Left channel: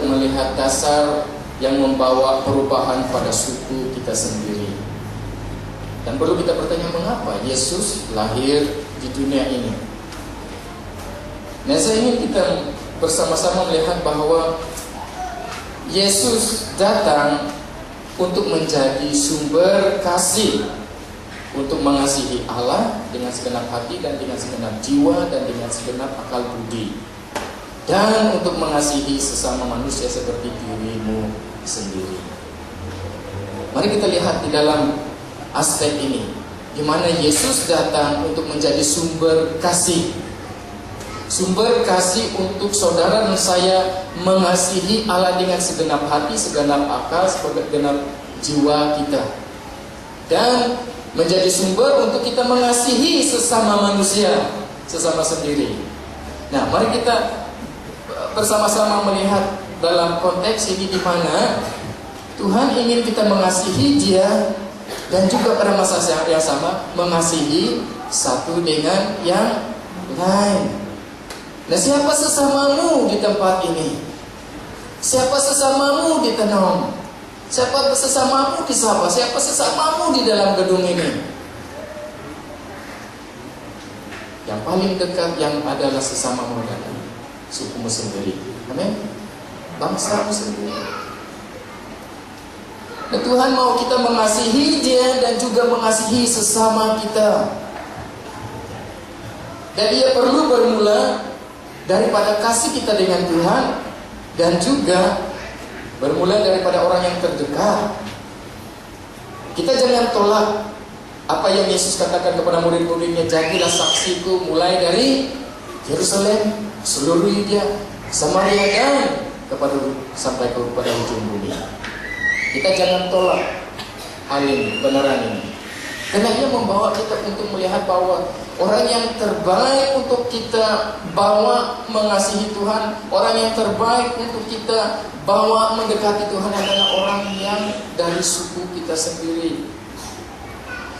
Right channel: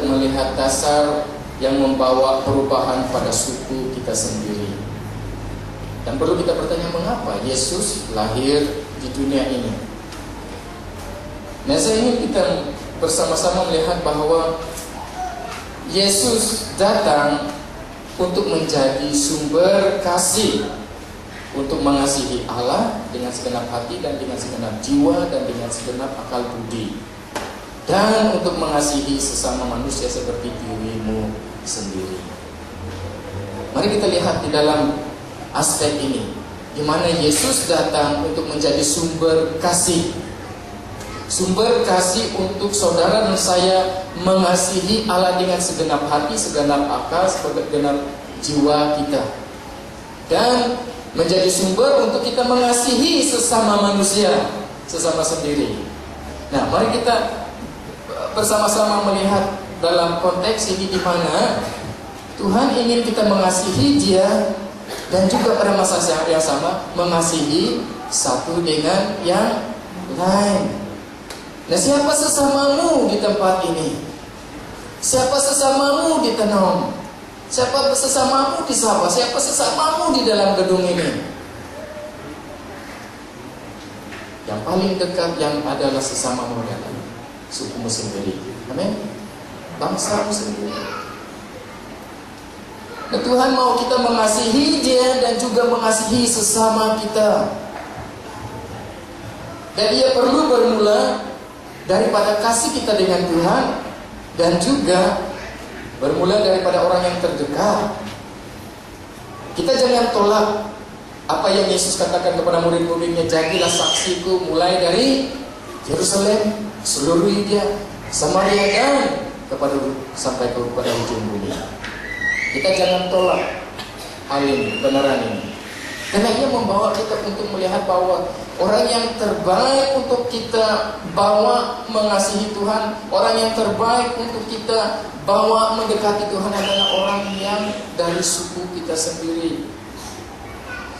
melihat dasar yang membawa perubahan pada suku kita sendiri. Dan perlu kita bertanya, mengapa Yesus lahir di dunia ini? Nah, saya ingin kita bersama-sama melihat bahwa Yesus datang untuk menjadi sumber kasih, untuk mengasihi Allah dengan segenap hati dan dengan segenap jiwa dan dengan segenap akal budi, dan untuk mengasihi sesama manusia seperti dirimu sendiri. Mari kita lihat di dalam aspek ini, di mana Yesus datang untuk menjadi sumber kasih. Sumber kasih untuk saudara dan saya mengasihi Allah dengan segenap hati, segenap akal, segenap jiwa kita. Dan menjadi sumber untuk kita mengasihi sesama manusia, sesama sendiri. Nah, mari kita bersama-sama melihat dalam konteks ini, di mana Tuhan ingin kita mengasihi Dia dan juga pada masa yang sama mengasihi satu dengan yang lain. Nah, siapa sesamamu di tempat ini? Siapa sesamamu di Tenom? Siapa sesamamu di Sabah? Siapa sesamamu di dalam gedung ini? Yang paling dekat yang adalah sesamamu dalam sukumu sendiri. Amin. Bangsamu sendiri. Nah, Tuhan mau kita mengasihi Dia dan juga mengasihi sesama kita. Dan Ia perlu bermula daripada kasih kita dengan Tuhan, dan juga bermula daripada orang yang terdekat. Kita jangan tolak apa yang Yesus katakan kepada murid-muridnya, jadilah saksiku mulai dari Yerusalem, seluruh Yudea, Samaria, dan sampai kepada ujung bumi. Kita jangan tolak hal ini, kebenaran ini, karena Ia membawa kita untuk melihat bahwa orang yang terbaik untuk kita bawa mengasihi Tuhan, orang yang terbaik untuk kita bawa mendekati Tuhan adalah orang yang dari suku kita sendiri.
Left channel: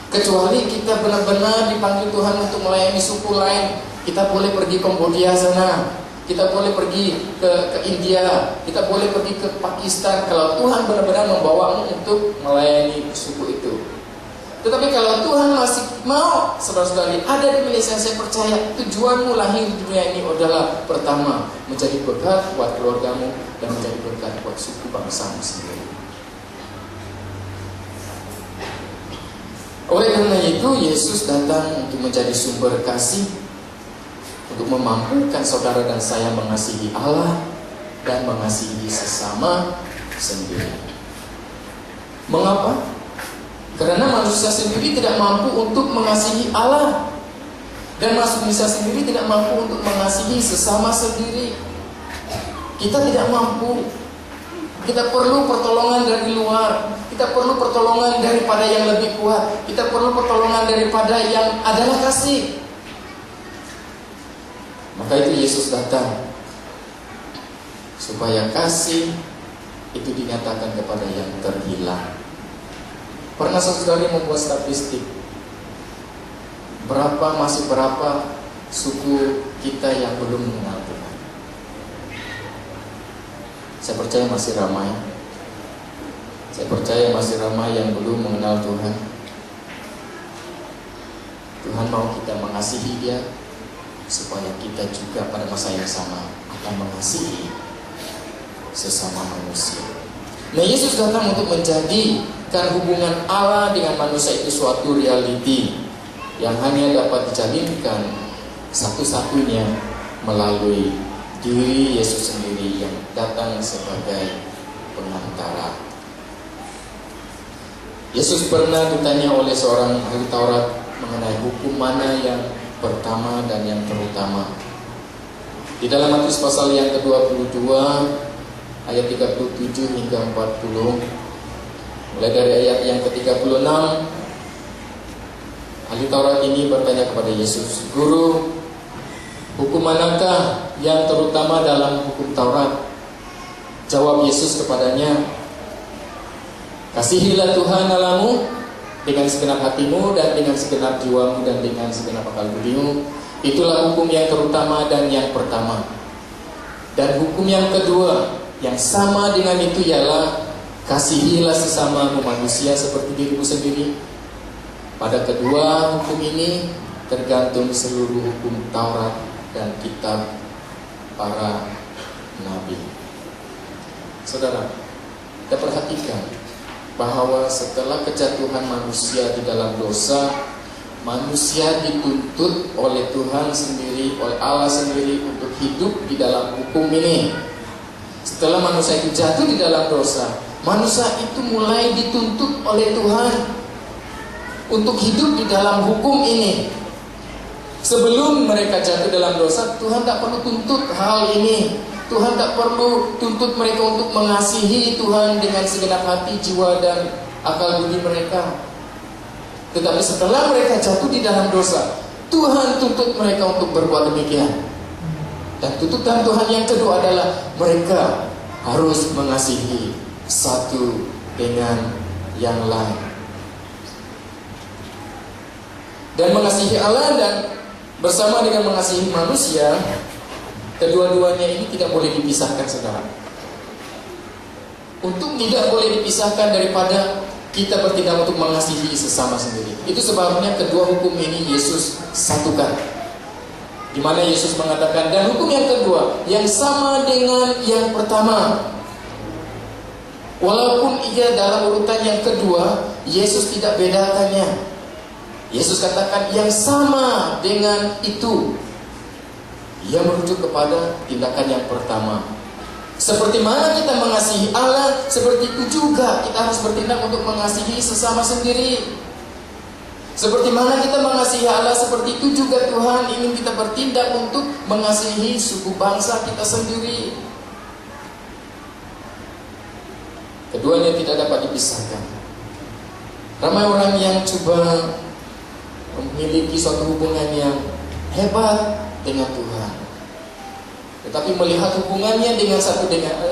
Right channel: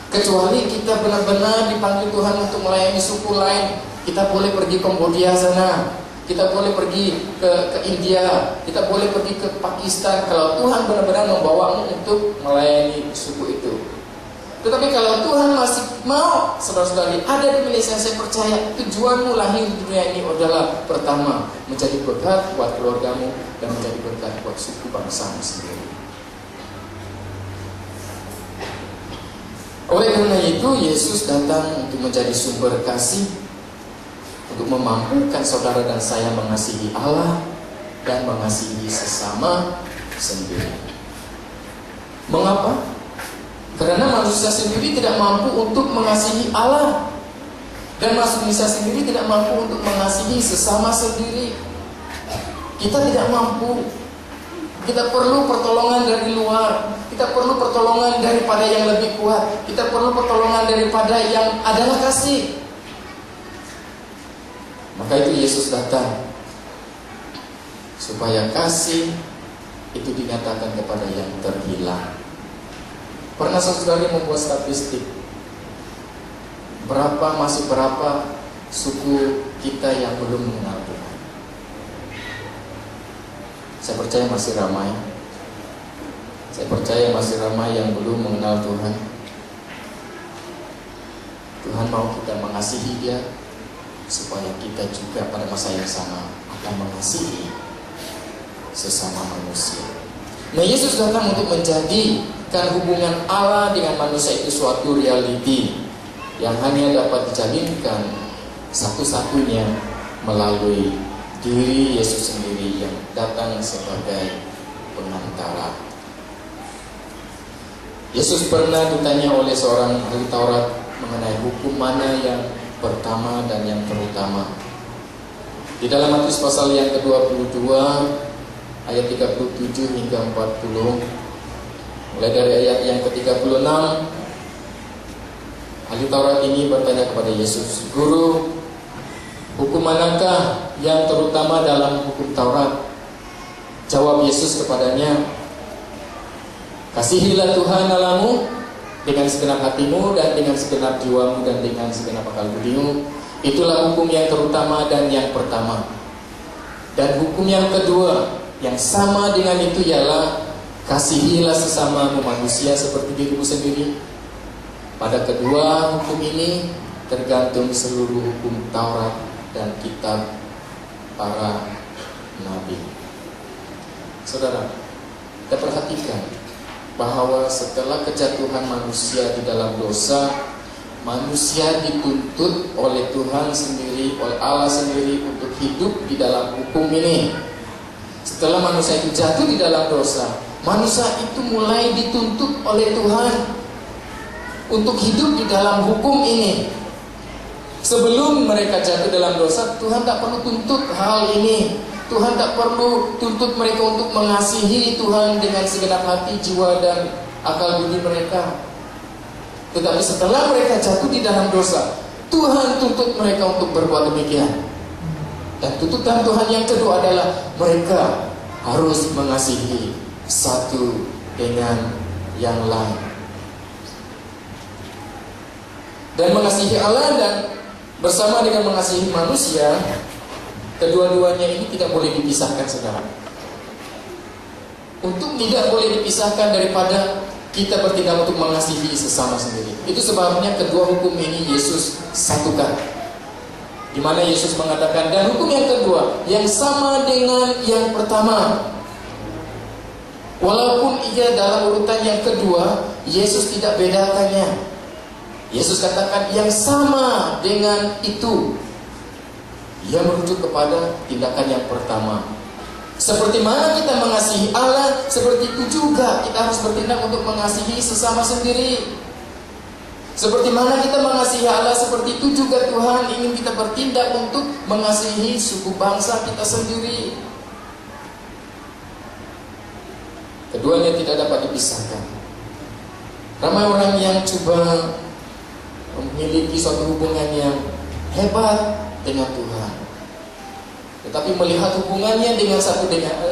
Kecuali kita benar-benar dipanggil Tuhan untuk melayani suku lain, kita boleh pergi ke Kambodia sana, kita boleh pergi ke India, kita boleh pergi ke Pakistan, kalau Tuhan benar-benar membawamu untuk melayani suku itu. Tetapi kalau Tuhan masih mau saudara-saudari ada di Malaysia, saya percaya tujuanmu lahir di dunia ini adalah pertama, menjadi berkat buat keluargamu dan menjadi berkat buat suku bangsamu sendiri. Oleh karena itu, Yesus datang untuk menjadi sumber kasih, untuk memampukan saudara dan saya mengasihi Allah dan mengasihi sesama sendiri. Mengapa? Karena manusia sendiri tidak mampu untuk mengasihi Allah, dan manusia sendiri tidak mampu untuk mengasihi sesama sendiri. Kita tidak mampu. Kita perlu pertolongan dari luar. Kita perlu pertolongan daripada yang lebih kuat. Kita perlu pertolongan daripada yang adalah kasih. Maka itu Yesus datang supaya kasih itu dinyatakan kepada yang terhilang. Pernah saudara membuat statistik masih berapa suku kita yang belum mengenal Tuhan? Saya percaya masih ramai. Saya percaya masih ramai yang belum mengenal Tuhan. Tuhan mau kita mengasihi Dia supaya kita juga pada masa yang sama akan mengasihi sesama manusia. Nah, Yesus datang untuk menjadikan hubungan Allah dengan manusia itu suatu realiti yang hanya dapat dijalinkan satu-satunya melalui diri Yesus sendiri yang datang sebagai pengantara. Yesus pernah ditanya oleh seorang ahli Taurat mengenai hukum mana yang pertama dan yang terutama. Di dalam Matius pasal yang ke-22 ayat 37 hingga 40, mulai dari ayat yang ke-36, ahli Taurat ini bertanya kepada Yesus, "Guru, hukum manakah yang terutama dalam hukum Taurat?" Jawab Yesus kepadanya, "Kasihilah Tuhan Allahmu dengan segenap hatimu dan dengan segenap jiwamu dan dengan segenap akal budimu. Itulah hukum yang terutama dan yang pertama. Dan hukum yang kedua Yang sama dengan itu ialah kasihilah sesamamu manusia seperti dirimu sendiri. Pada kedua hukum ini tergantung seluruh hukum Taurat dan kitab para nabi. Saudara, kita perhatikan bahwa setelah kejatuhan manusia di dalam dosa, manusia dituntut oleh Tuhan sendiri, oleh Allah sendiri untuk hidup di dalam hukum ini. Setelah manusia itu jatuh di dalam dosa, manusia itu mulai dituntut oleh Tuhan untuk hidup di dalam hukum ini. Sebelum mereka jatuh dalam dosa, Tuhan tak perlu tuntut hal ini. Tuhan tak perlu tuntut mereka untuk mengasihi Tuhan dengan segenap hati, jiwa, dan akal budi mereka. Tetapi setelah mereka jatuh di dalam dosa, Tuhan tuntut mereka untuk berbuat demikian. Dan tuntutan Tuhan yang kedua adalah mereka harus mengasihi satu dengan yang lain. Dan mengasihi Allah dan bersama dengan mengasihi manusia, kedua-duanya ini tidak boleh dipisahkan, saudara. Untuk tidak boleh dipisahkan daripada kita bertindak untuk mengasihi sesama sendiri. Itu sebabnya kedua hukum ini Yesus satukan. Di mana Yesus mengatakan, dan hukum yang kedua yang sama dengan yang pertama. Walaupun ia dalam urutan yang kedua, Yesus tidak bedakannya. Yesus katakan yang sama dengan itu. Ia merujuk kepada tindakan yang pertama. Seperti mana kita mengasihi Allah, seperti itu juga kita harus bertindak untuk mengasihi sesama sendiri. Seperti mana kita mengasihi Allah, seperti itu juga Tuhan ingin kita bertindak untuk mengasihi suku bangsa kita sendiri. Keduanya tidak dapat dipisahkan. Ramai orang yang coba memiliki suatu hubungan yang hebat dengan Tuhan, tetapi melihat hubungannya dengan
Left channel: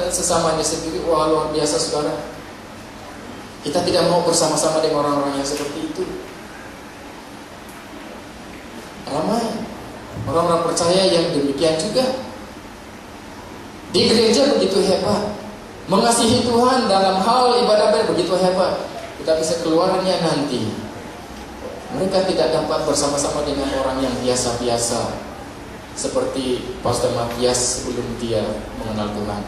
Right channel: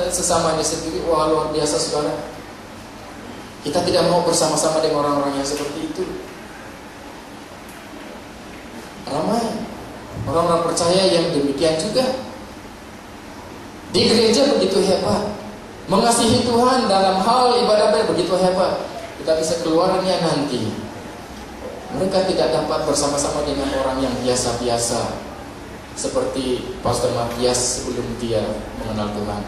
sesamanya sendiri, wah luar biasa, saudara. Kita tidak mau bersama-sama dengan orang-orang yang seperti itu. Ramai orang-orang percaya yang demikian juga. Di gereja begitu hebat, mengasihi Tuhan dalam hal ibadah begitu hebat, tetapi sekeluarnya nanti mereka tidak dapat bersama-sama dengan orang yang biasa-biasa, seperti Pastor Matias sebelum dia mengenal Tuhan.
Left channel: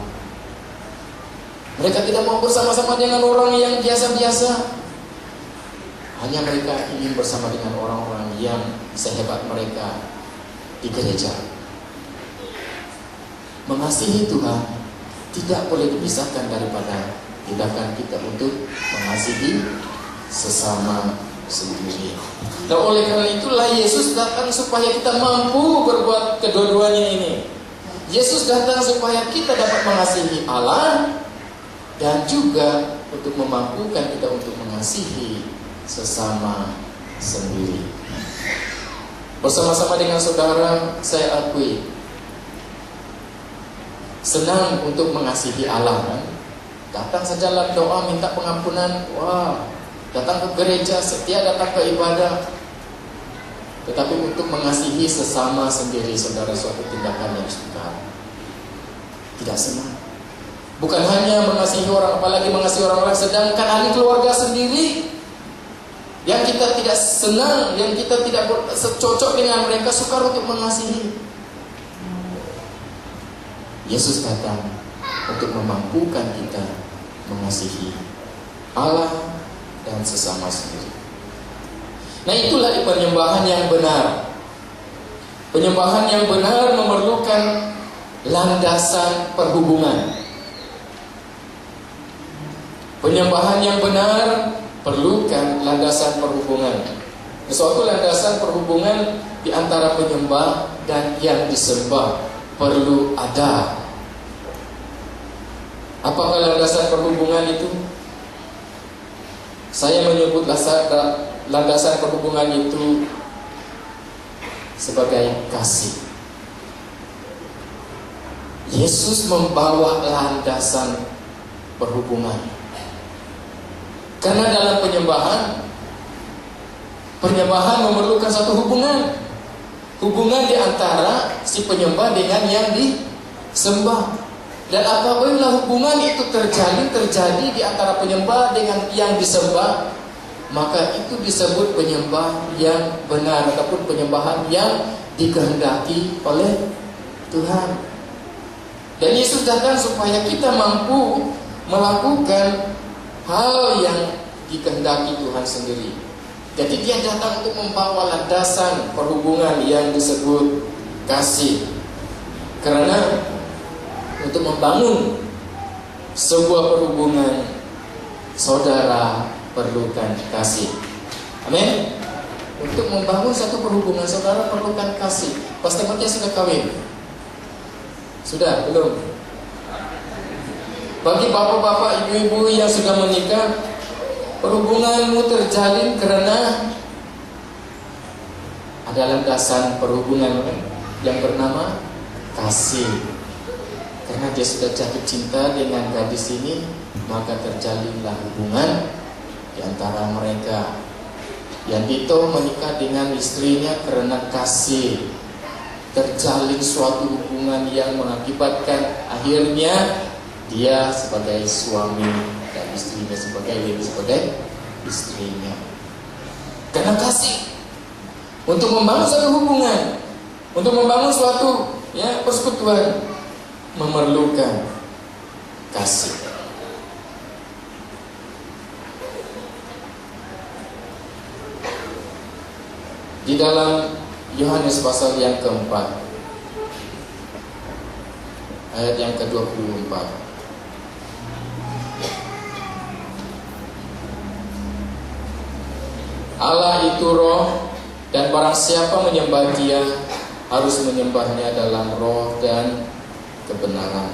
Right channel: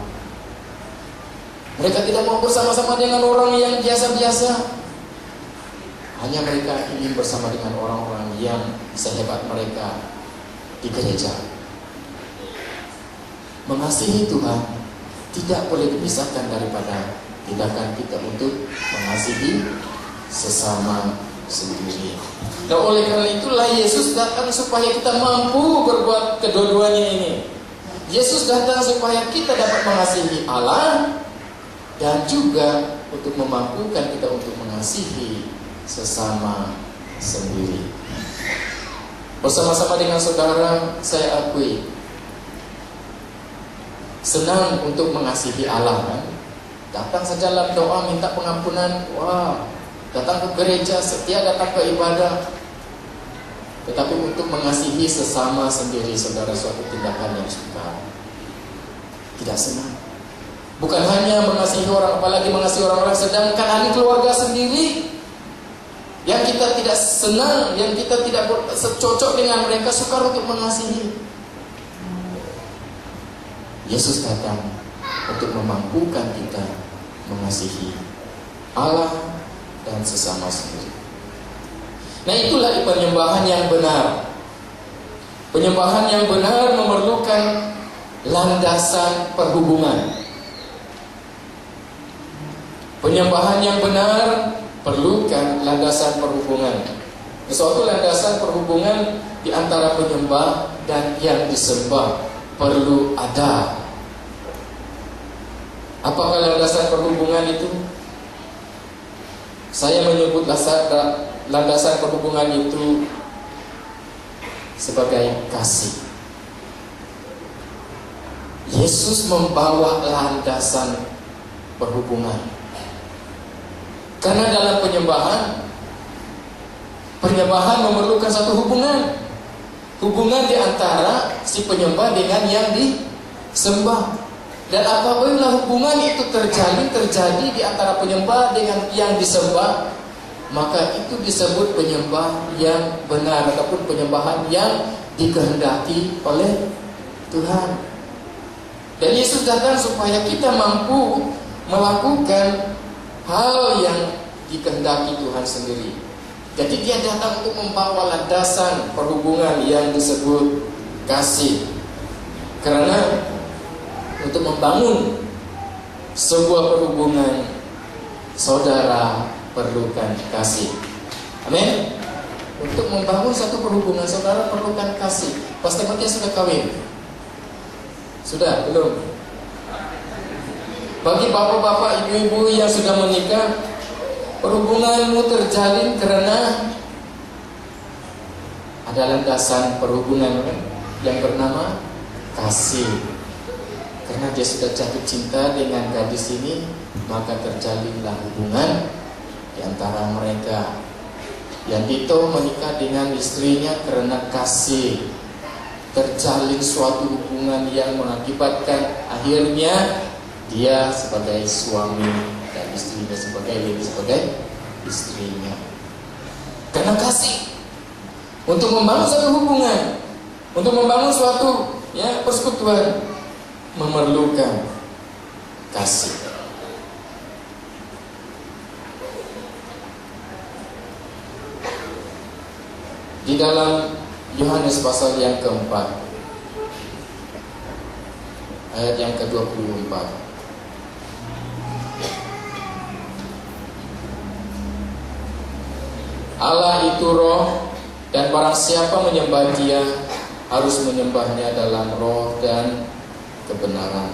Mereka tidak mau bersama-sama dengan orang yang biasa-biasa. Hanya mereka ingin bersama dengan orang-orang yang sehebat mereka di gereja. Mengasihi Tuhan tidak boleh dipisahkan daripada tindakan kita untuk mengasihi sesama sendiri. Dan oleh karena itulah Yesus datang supaya kita mampu berbuat kedua-duanya ini. Yesus datang supaya kita dapat mengasihi Allah dan juga untuk memampukan kita untuk mengasihi sesama sendiri. Bersama-sama dengan saudara, saya akui senang untuk mengasihi Allah, kan? Datang saja dalam doa minta pengampunan, wah, datang ke gereja, setia datang ke ibadah. Tetapi untuk mengasihi sesama sendiri, saudara, suatu tindakan yang sukar. Tidak senang. Bukan hanya mengasihi orang, apalagi mengasihi orang-orang, sedangkan ahli keluarga sendiri yang kita tidak senang, yang kita tidak cocok dengan mereka, sukar untuk mengasihi. Yesus datang untuk memampukan kita mengasihi Allah dan sesama sendiri. Nah, itulah penyembahan yang benar. Penyembahan yang benar memerlukan landasan perhubungan. Penyembahan yang benar perlukan landasan perhubungan. Suatu landasan perhubungan di antara penyembah dan yang disembah perlu ada. Apakah landasan perhubungan itu? Saya menyebut landasan perhubungan itu sebagai kasih. Yesus membawa landasan perhubungan. Karena dalam penyembahan memerlukan satu hubungan. Hubungan di antara si penyembah dengan yang disembah. Dan apabila hubungan itu terjadi di antara penyembah dengan yang disembah, maka itu disebut penyembah yang benar ataupun penyembahan yang dikehendaki oleh Tuhan. Dan Yesus datang supaya kita mampu melakukan hal yang dikehendaki Tuhan sendiri. Jadi dia datang untuk membawa landasan perhubungan yang disebut kasih. Karena untuk membangun sebuah perhubungan, saudara perlukan kasih. Amin. Untuk membangun satu perhubungan, saudara perlukan kasih. Pastor Matias sudah kawin? Sudah? Belum? Bagi bapak-bapak, ibu-ibu yang sudah menikah, perhubunganmu terjalin karena ada landasan perhubungan yang bernama kasih. Karena dia sudah jatuh cinta dengan gadis ini, maka terjalinlah hubungan di antara mereka. Yang Dito menikah dengan istrinya karena kasih. Terjalin suatu hubungan yang mengakibatkan akhirnya dia sebagai suami dan istrinya sebagai istrinya. Karena kasih. Untuk membangun satu hubungan, untuk membangun suatu persekutuan, memerlukan kasih. Di dalam Yohanes pasal yang keempat, ayat yang ke-24, Allah itu roh, dan barang siapa menyembah Dia harus menyembahnya dalam roh dan kebenaran.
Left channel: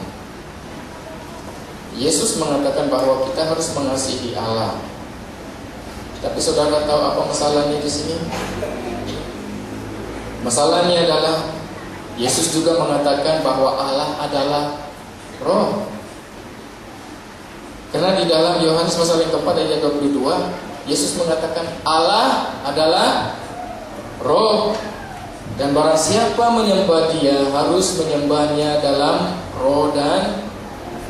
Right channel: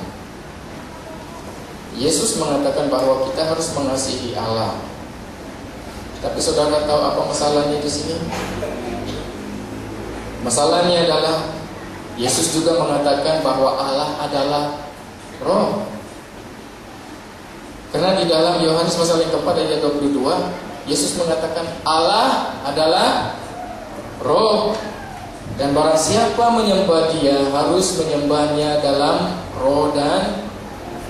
Yesus mengatakan bahwa kita harus mengasihi Allah. Tapi saudara tahu apa masalahnya di sini? Masalahnya adalah Yesus juga mengatakan bahwa Allah adalah roh. Karena di dalam Yohanes pasal yang keempat ayat 22, Yesus mengatakan Allah adalah roh. Dan barang siapa menyembah Dia harus menyembahnya dalam roh dan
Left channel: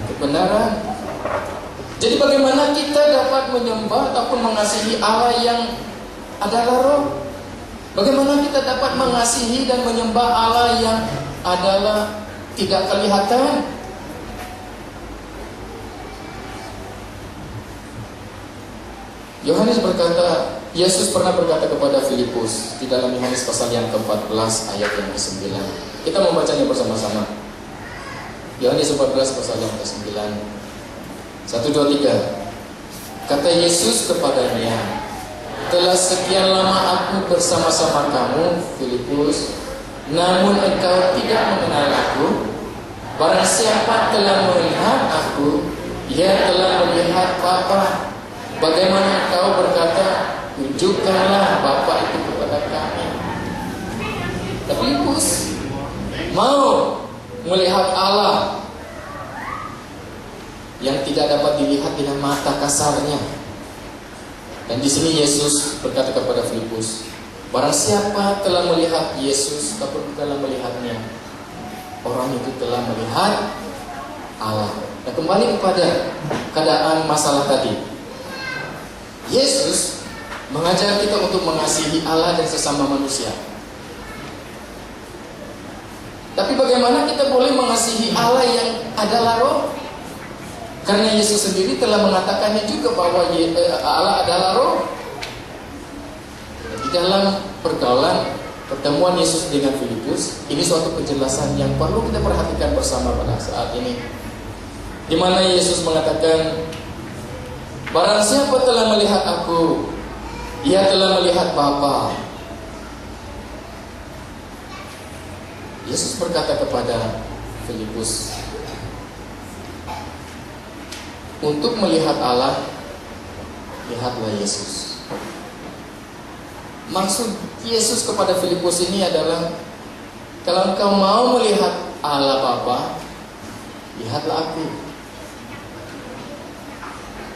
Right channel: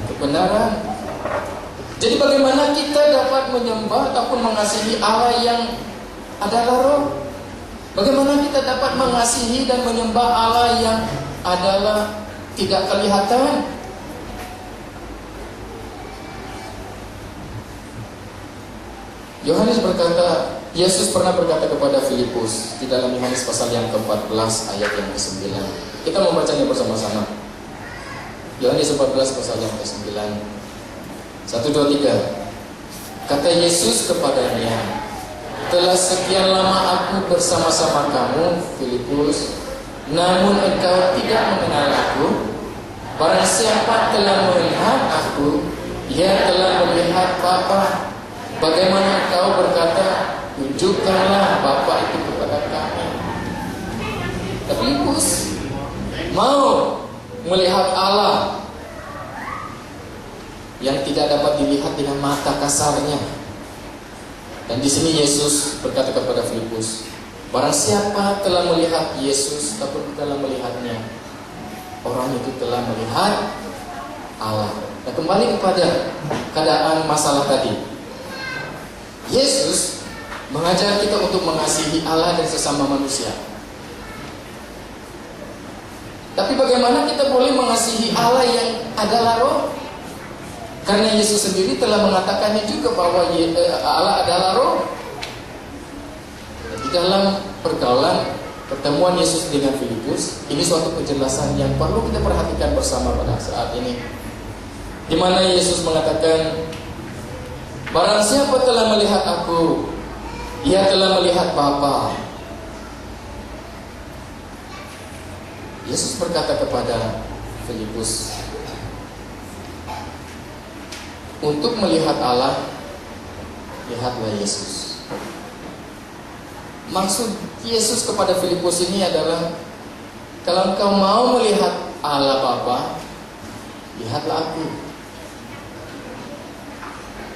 kebenaran. Jadi bagaimana kita dapat menyembah ataupun mengasihi Allah yang adalah roh? Bagaimana kita dapat mengasihi dan menyembah Allah yang adalah tidak kelihatan? Yohanes berkata, Yesus pernah berkata kepada Filipus di dalam Yohanes pasal yang ke-14 ayat yang ke-9. Kita membacanya bersama-sama. Yohanes 14 pasal yang ke-9. 1, 2, 3. Kata Yesus kepadanya, telah sekian lama aku bersama-sama kamu, Filipus, namun engkau tidak mengenal aku. Barang siapa telah melihat aku, ia telah melihat Bapa. Bagaimana engkau berkata, tunjukkanlah Bapa itu kepada kami. Tapi Filipus mau melihat Allah yang tidak dapat dilihat dengan mata kasarnya. Dan di sini Yesus berkata kepada Filipus, barang siapa telah melihat Yesus ataupun telah melihatnya, orang itu telah melihat Allah. Nah, kembali kepada keadaan masalah tadi. Yesus mengajar kita untuk mengasihi Allah dan sesama manusia. Tapi bagaimana kita boleh mengasihi Allah yang adalah roh? Karena Yesus sendiri telah mengatakannya juga bahwa Allah adalah roh. Di dalam pertemuan Yesus dengan Filipus, ini suatu penjelasan yang perlu kita perhatikan bersama pada saat ini. Di mana Yesus mengatakan, barang siapa telah melihat aku, ia telah melihat Bapa. Yesus berkata kepada Filipus, untuk melihat Allah, lihatlah Yesus. Maksud Yesus kepada Filipus ini adalah, kalau engkau mau melihat Allah Bapa, lihatlah aku.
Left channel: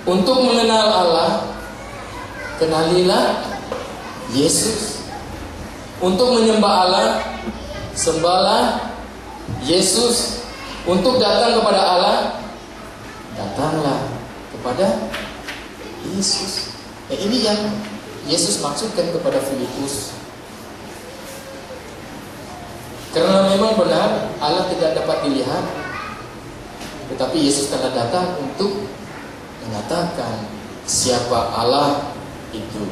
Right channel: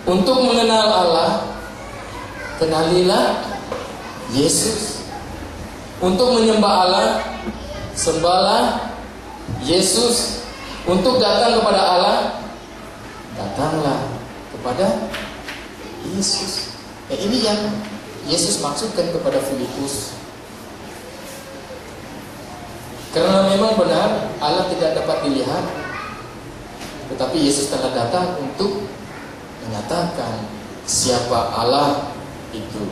Untuk mengenal Allah, kenalilah Yesus. Untuk menyembah Allah, sembahlah Yesus. Untuk datang kepada Allah, datanglah kepada Yesus. Ini yang Yesus maksudkan kepada Filipus. Karena memang benar Allah tidak dapat dilihat, tetapi Yesus telah datang untuk menyatakan siapa Allah itu.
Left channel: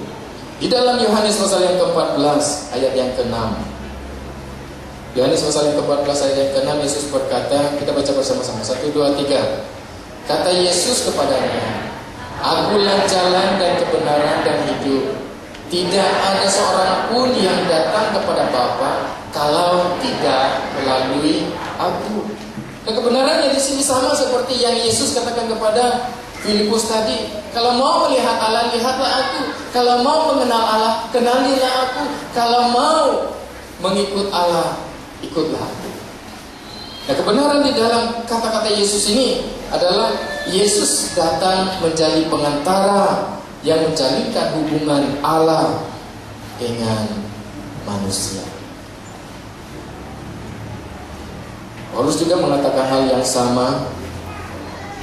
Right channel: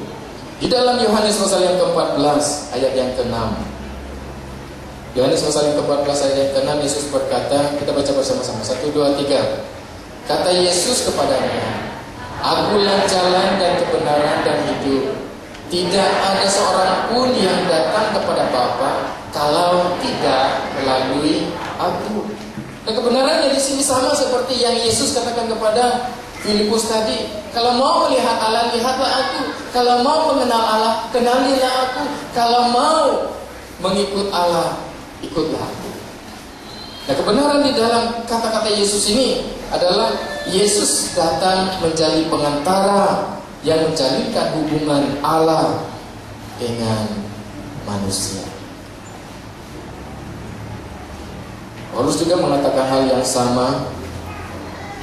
Di dalam Yohanes pasal yang ke-14 ayat yang ke-6. Yohanes pasal yang ke-14 ayat yang ke-6, Yesus berkata, kita baca bersama-sama. 1, 2, 3. Kata Yesus kepadanya, Akulah jalan dan kebenaran dan hidup. Tidak ada seorang pun yang datang kepada Bapa kalau tidak melalui Aku. Dan kebenarannya di sini sama seperti yang Yesus katakan kepada Filipus tadi. Kalau mau melihat Allah, lihatlah Aku. Kalau mau mengenal Allah, kenalilah Aku. Kalau mau mengikut Allah, ikutlah Aku. Nah, kebenaran di dalam kata-kata Yesus ini adalah Yesus datang menjadi pengantara yang menjalinkan hubungan Allah dengan manusia. Paulus juga mengatakan hal yang sama.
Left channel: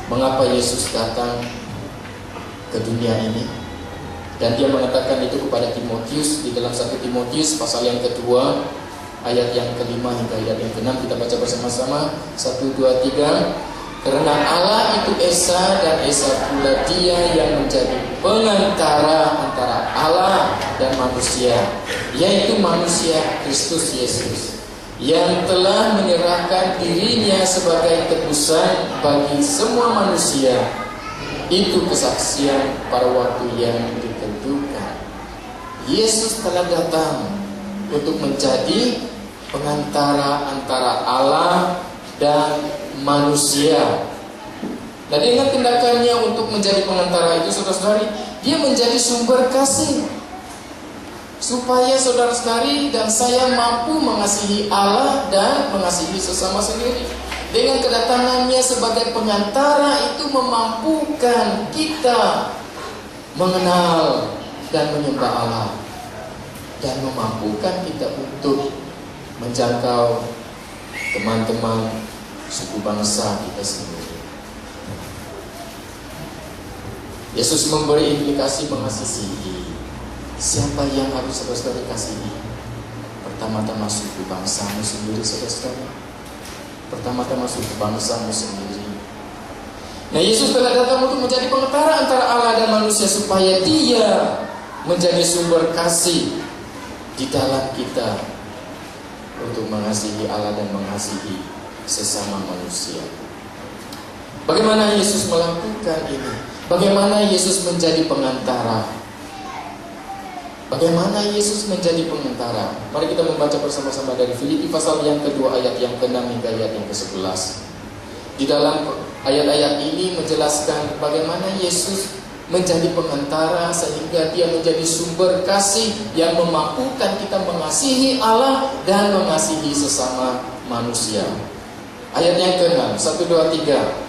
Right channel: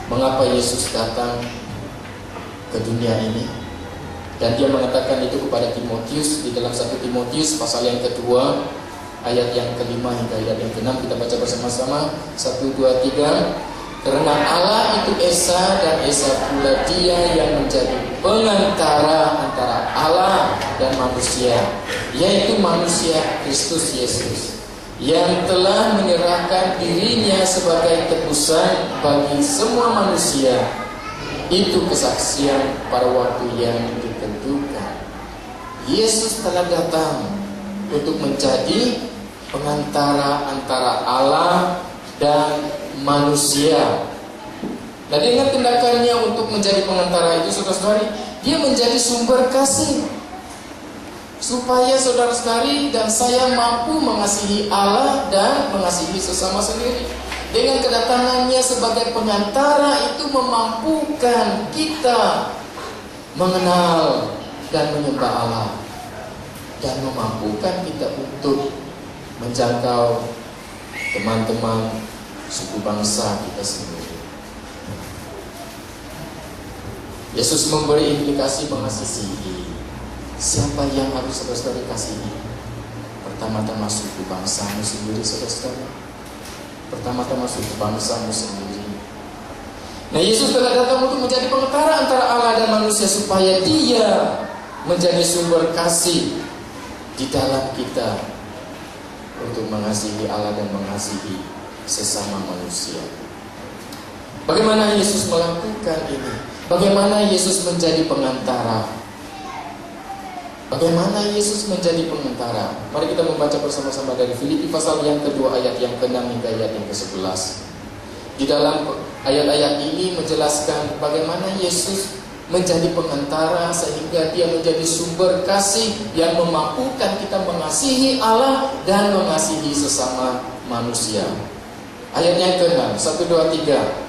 Mengapa Yesus datang ke dunia ini? Dan dia mengatakan itu kepada Timotius di dalam 1 Timotius pasal yang kedua ayat yang ke-5 hingga ayat yang ke-6. Kita baca bersama-sama. 1, 2, 3. Karena Allah itu Esa dan Esa pula Dia yang menjadi pengantara antara Allah dan manusia, yaitu manusia Kristus Yesus, yang telah menyerahkan dirinya sebagai tebusan bagi semua manusia. Itu kesaksian pada waktu yang ditentukan. Yesus telah datang untuk menjadi pengantara antara Allah dan manusia. Nah, dengan tindakannya untuk menjadi pengantara itu, saudara-saudari, dia menjadi sumber kasih, supaya saudara-saudari dan saya mampu mengasihi Allah dan mengasihi sesama sendiri. Dengan kedatangannya sebagai pengantara itu memampukan kita mengenal dan menyembah Allah, dan memampukan kita untuk menjangkau teman-teman suku bangsa kita sendiri. Yesus memberi implikasi mengasihi. Siapa yang harus saudara-saudara kasihi? Pertama-tama suku bangsamu sendiri, saudara-saudara. Pertama-tama suku bangsamu sendiri. Nah, Yesus telah datang untuk menjadi pengantara antara Allah dan manusia, supaya Dia menjadi sumber kasih di dalam kita untuk mengasihi Allah dan mengasihi sesama manusia. Bagaimana Yesus melakukan ini? Bagaimana Yesus menjadi pengantara? Bagaimana Yesus menjadi pengantara? Mari kita membaca bersama-sama dari Filipi pasal yang kedua ayat yang ke-6 hingga ayat yang ke-11. Di dalam ayat-ayat ini menjelaskan bagaimana Yesus menjadi pengantara sehingga Dia menjadi sumber kasih yang memampukan kita mengasihi Allah dan mengasihi sesama manusia. Ayat yang ke-6, 1, 2, 3.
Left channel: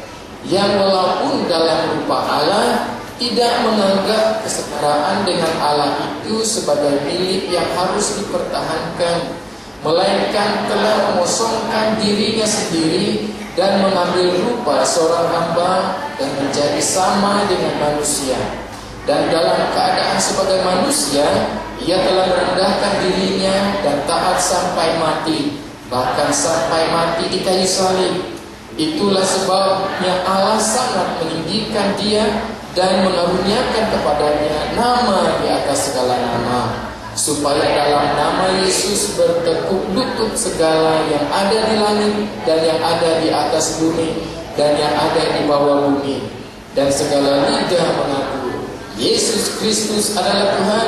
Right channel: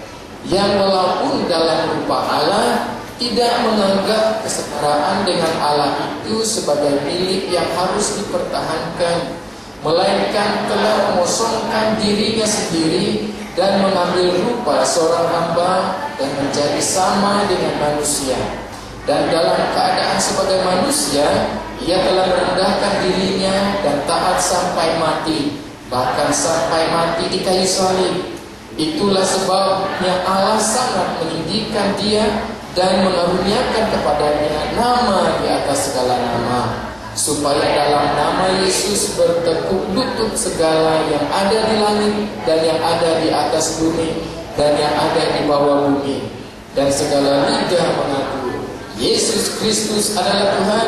Yang walaupun dalam rupa Allah tidak menganggap kesetaraan dengan Allah itu sebagai milik yang harus dipertahankan, melainkan telah mengosongkan dirinya sendiri dan mengambil rupa seorang hamba dan menjadi sama dengan manusia. Dan dalam keadaan sebagai manusia, Ia telah merendahkan dirinya dan taat sampai mati, bahkan sampai mati di kayu salib. Itulah sebabnya Allah sangat meninggikan Dia dan mengaruniakan kepadanya nama di atas segala nama, supaya dalam nama Yesus bertekuk lutut segala yang ada di langit dan yang ada di atas bumi dan yang ada di bawah bumi, dan segala lidah mengaku Yesus Kristus adalah Tuhan,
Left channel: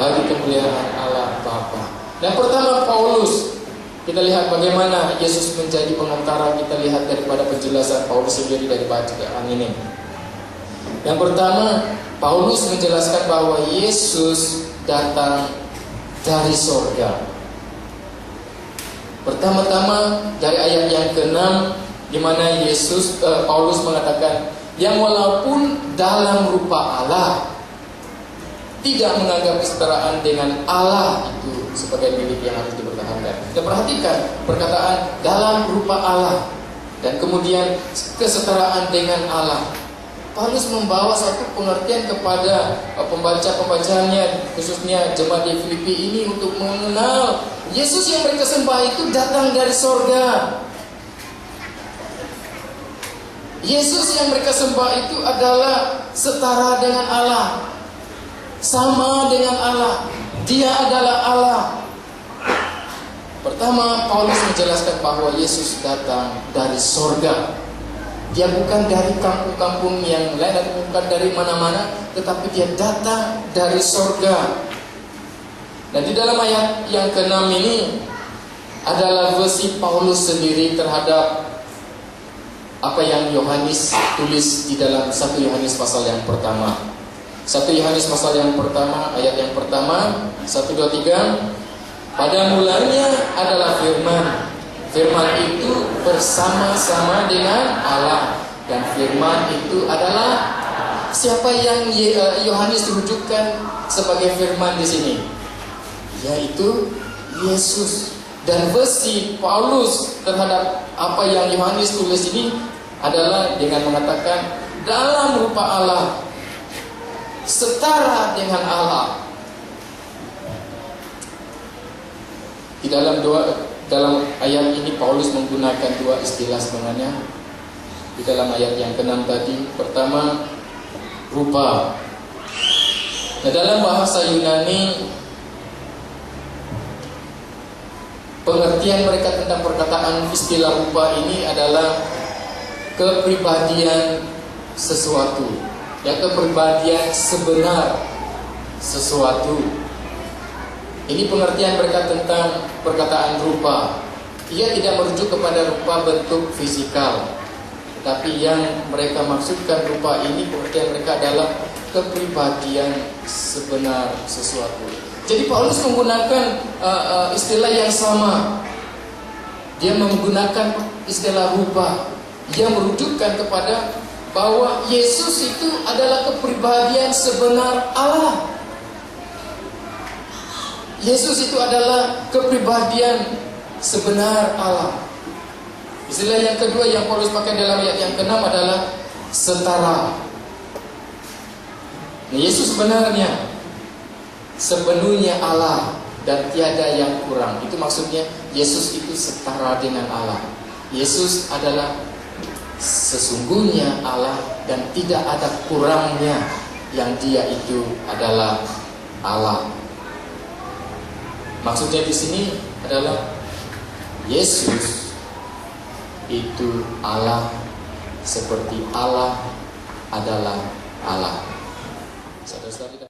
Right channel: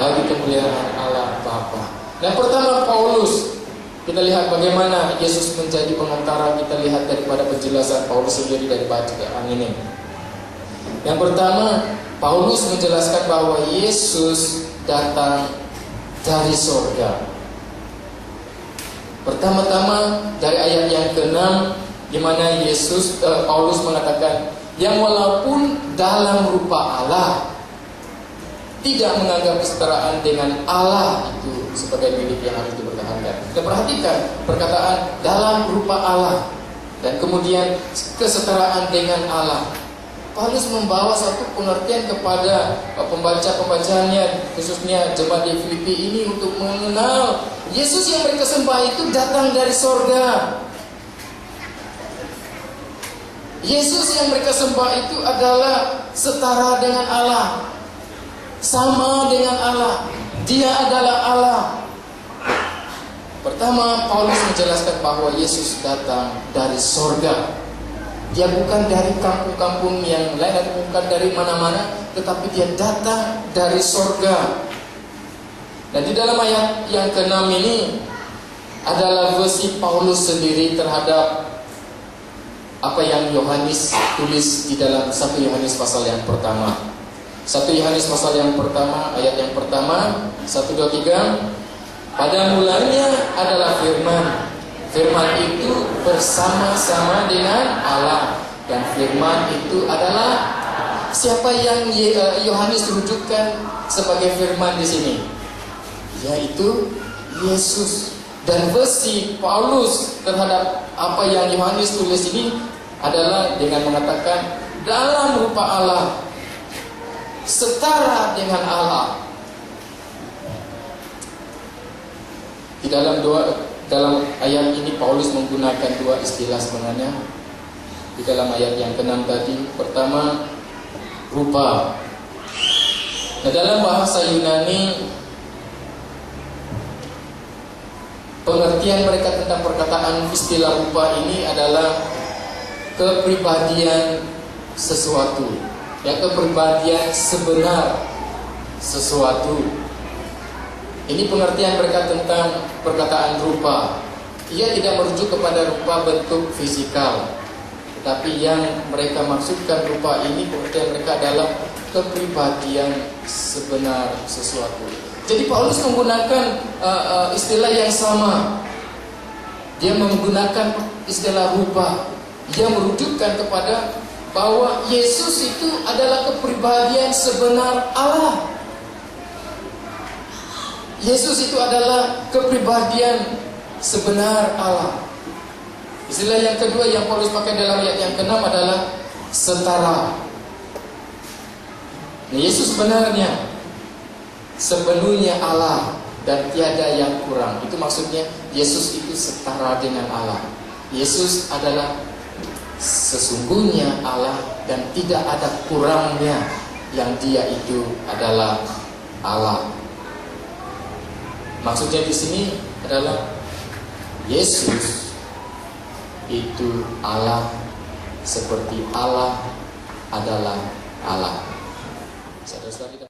bagi kemuliaan Allah Bapa. Yang pertama, Paulus. Kita lihat bagaimana Yesus menjadi pengantara. Kita lihat daripada penjelasan Paulus sendiri dari bacaan ini. Yang pertama, Paulus menjelaskan bahwa Yesus datang dari sorga. Pertama-tama dari ayat yang ke-6, di mana Paulus mengatakan, yang walaupun dalam rupa Allah, tidak menganggap kesetaraan dengan Allah itu sebagai milik yang harus dipertahankan. Dan perhatikan perkataan dalam rupa Allah. dan kemudian kesetaraan dengan Allah. Paulus membawa satu pengertian kepada pembaca-pembacanya, khususnya jemaat di Filipi ini, untuk mengenal Yesus yang mereka sembah itu datang dari sorga. Yesus yang mereka sembah itu adalah setara dengan Allah, sama dengan Allah. Dia adalah Allah. Pertama, Paulus menjelaskan bahwa Yesus datang dari sorga. Dia bukan dari kampung-kampung yang lain atau bukan dari mana-mana, tetapi dia datang dari sorga. Dan di dalam ayat yang ke-6 ini adalah versi Paulus sendiri terhadap apa yang Yohanes tulis di dalam 1 Yohanes pasal yang pertama. 1 Yohanes pasal yang pertama, ayat yang pertama, 1, 2, 3. Pada mulanya adalah firman. Firman itu bersama-sama dengan Allah, dan firman itu adalah siapa yang Yohanes rujukan sebagai firman di sini, yaitu Yesus. Dan versi Paulus terhadap apa yang Yohanes tulis ini adalah dengan mengatakan dalam rupa Allah, setara dengan Allah. Di dalam ayat ini Paulus menggunakan dua istilah sebenarnya. Di dalam ayat yang ke-6 tadi, pertama rupa. Nah, dalam bahasa Yunani, pengertian mereka tentang perkataan istilah rupa ini adalah kepribadian sesuatu, ya, kepribadian sebenar sesuatu. Ini pengertian mereka tentang perkataan rupa. Ia tidak merujuk kepada rupa bentuk fisikal, tetapi yang mereka maksudkan rupa ini, pengertian mereka adalah kepribadian sebenar sesuatu. Jadi Paulus menggunakan istilah yang sama. Dia menggunakan istilah rupa yang merujukkan kepada bahwa Yesus itu adalah kepribadian sebenar Allah. Yesus itu adalah kepribadian sebenar Allah. Istilah yang kedua yang Paulus pakai dalam ayat yang ke-6 adalah setara. Nah, Yesus sebenarnya sepenuhnya Allah dan tiada yang kurang. Itu maksudnya Yesus itu setara dengan Allah. Yesus adalah sesungguhnya Allah dan tidak ada kurangnya, yang dia itu adalah Allah. Maksudnya di sini adalah Yesus itu Allah seperti Allah adalah Allah. Saudara-saudara,